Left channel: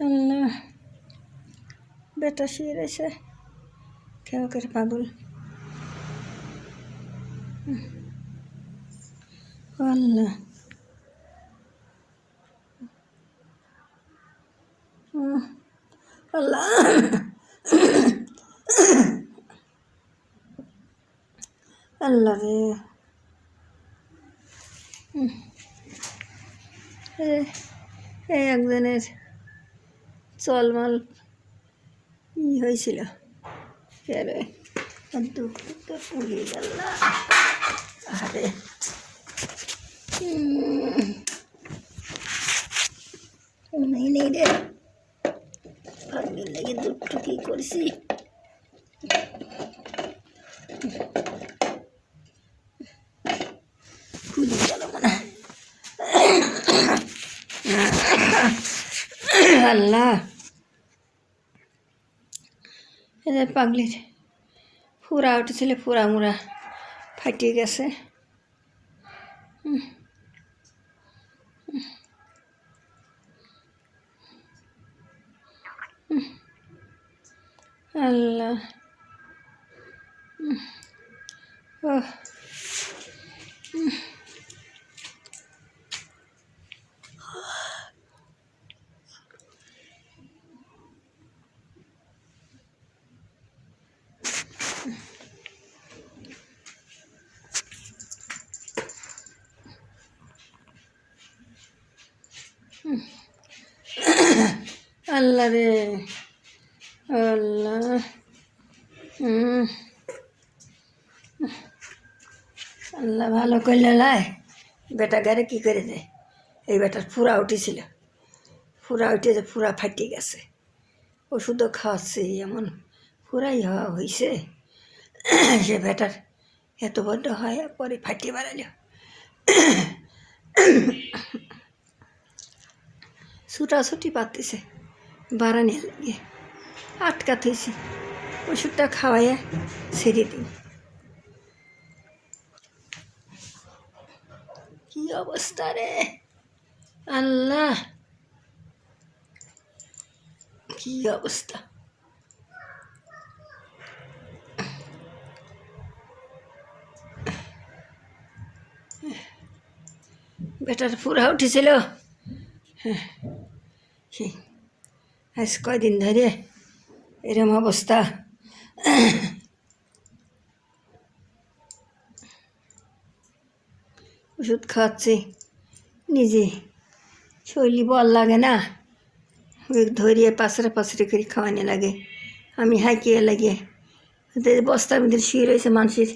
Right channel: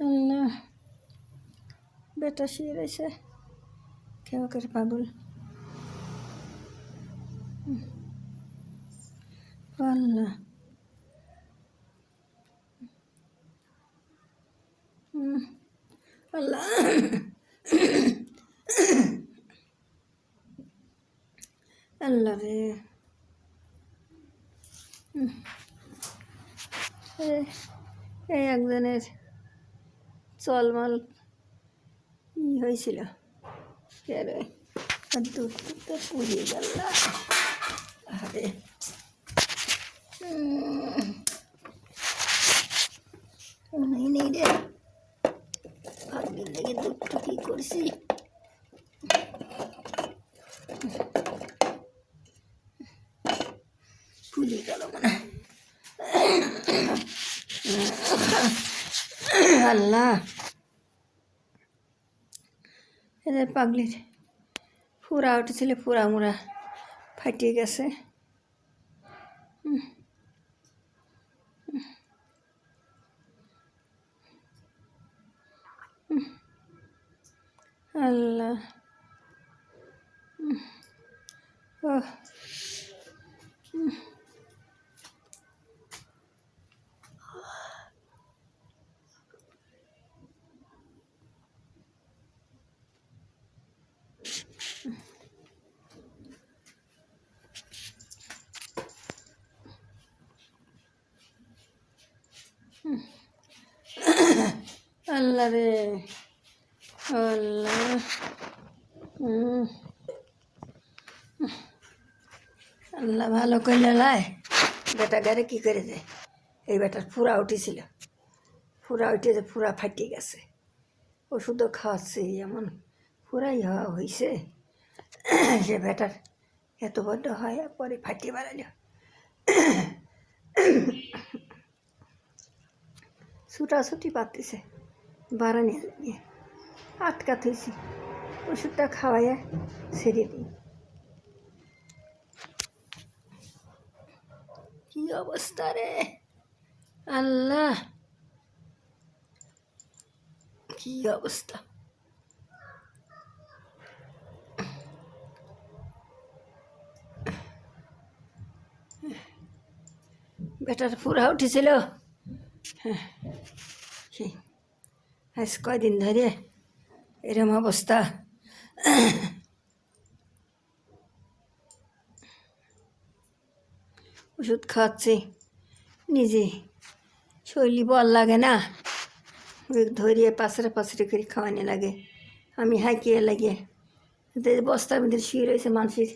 আল্লাহ বেটা শুয়ে রয়েছে কেউ করে পাগল। আল্লাহ। আল্লাহ। আল্লাহ রে। এই একজনের চলমাল ই হয়েছিল? কে রে একদম একদম পুড়িয়ে গেল আরে। নেই রে। আমি লেগে দুটো কি করছি? খুলে গেল। আল্লাহ এদের পাগলির ফুরা উঠেছিল ফুরা মুড়া ফাটিয়ে গেছে। আল্লাহ হুম। ওহ হুম। আল্লাহ রে আল্লাহ ভালো করলে লাই। বেটা গারে কী করে দেয়? এই বেটার ফুরা উঠেছিল। ফুরা উঠেছে ফুরা ফাটিয়ে গেছে। ওষুধও খাওয়াচ্ছে, এমন ফুরাই হওয়া হয়েছে সে বেটার এত বড্ড হয়, পরে ফাটিয়ে বেড়ালো। ছুটাছুটি পাতেছে বারানি লাগে আটকা থেছি ওষুধটা খাওয়াইয়া ছেড়ে দিই। কি অবস্থা রে? আল্লাহ! কি অবস্থা? বেটার পুরা উঠেছিল। হ্যাঁ। আজ কয়দিন ধরে এরম অবস্থা? ওষুধ খাওয়াচ্ছি। নিজে শরীর বল লাগে না। ধরিয়ে পাশরে পাশরে করে খাওয়ানি লাগে। আমি হাঁকিয়ে লাগে। বস্তার ভিতরে শুয়ে রয়েছে মানুষের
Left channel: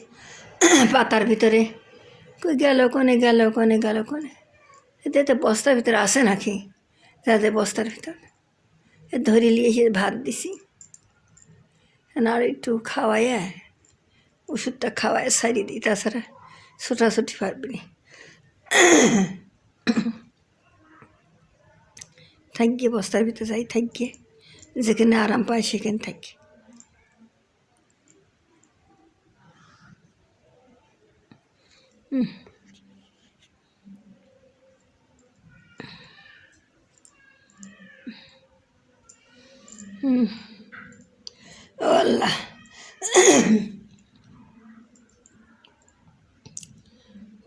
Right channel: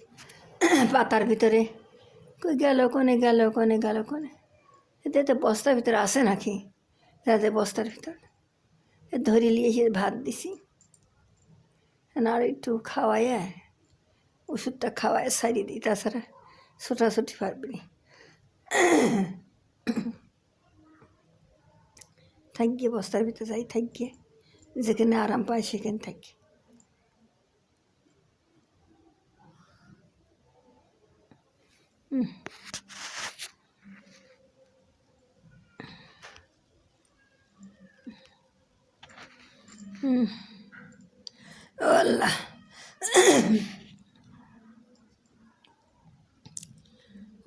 পাতার ভিতরে। কই গেল কোনে গেল কোনে গেল কোনে? এতে বস্তার ভিতরে আসে নাকি? যাতে বস্তার ভিতরে। ধরে নিয়ে ভাত দিছি আর একটু খাওয়াইয়া ওষুধটা খাওয়ায় সারিয়ে দিই, তাছাড়া ছোটাছুটি পারবি না থাকিয়ে বস্তার ভিতরে যাই থাকিয়ে যেখানে আরাম পায় সেখানে থাকি। হুম। ও আল্লাহ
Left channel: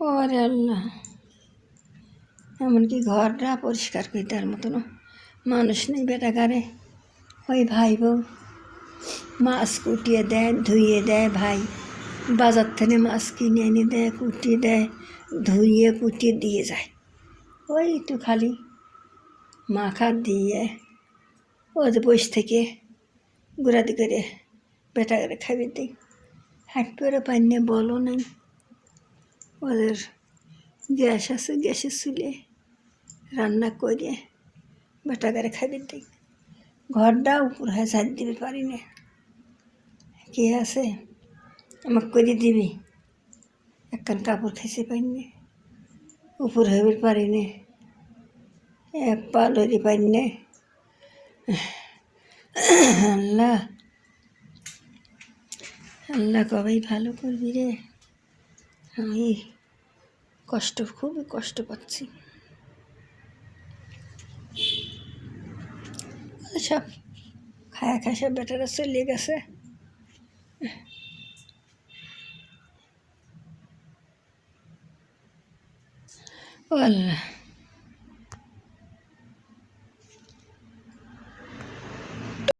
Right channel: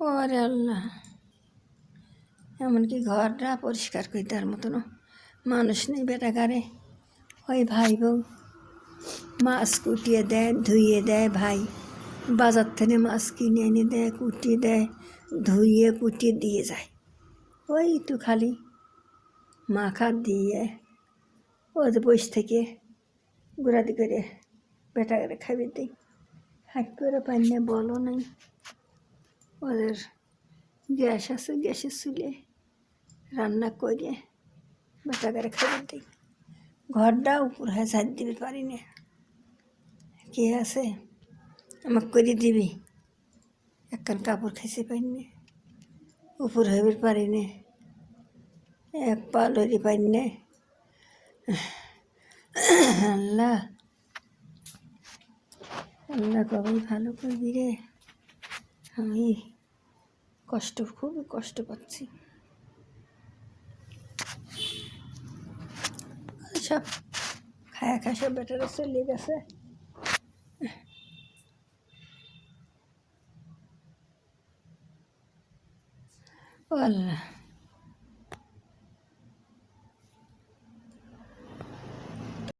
ওরে আল্লাহ। এমনকি ঘরটা পরিষ্কার করে দেওয়ার মতনও মানুষ নেই বেটা গারে ওই ভাই বউ। মাছ কুটিয়ে দেয়, ধুইয়ে দেয় ভাই। বাজার থেকে মাছ কিনে এনে দেয়, কুটিয়ে দেয়, ধুইয়ে কুটিয়ে দিয়ে যায়। ওই তো খালি মাখা দিয়ে। ওদের বসে থেকে গুড়াদি করে বেটা করে খাবি দিই হাট করে পাইনি বলো নাই ওদের গ্যাস আছে, গ্যাসের চুলে রান্না করে বেটা করে খাবার দিই ঘরটা উপর হয়ে ঝাড় দিতে পারি না। কে আছে? আমাকে করে দিবি। একখান কাপড় খেসে পাইনি। উপর হইবে পারি না। এক পা লড়ি পাই না। আল্লাহ। আল্লাহ কবেই ভালো করবি রে। আমি কষ্ট খুবই কষ্ট পাচ্ছি। সব খায়া খায় সব বেটারা চলে গেছে। ও আল্লাহ।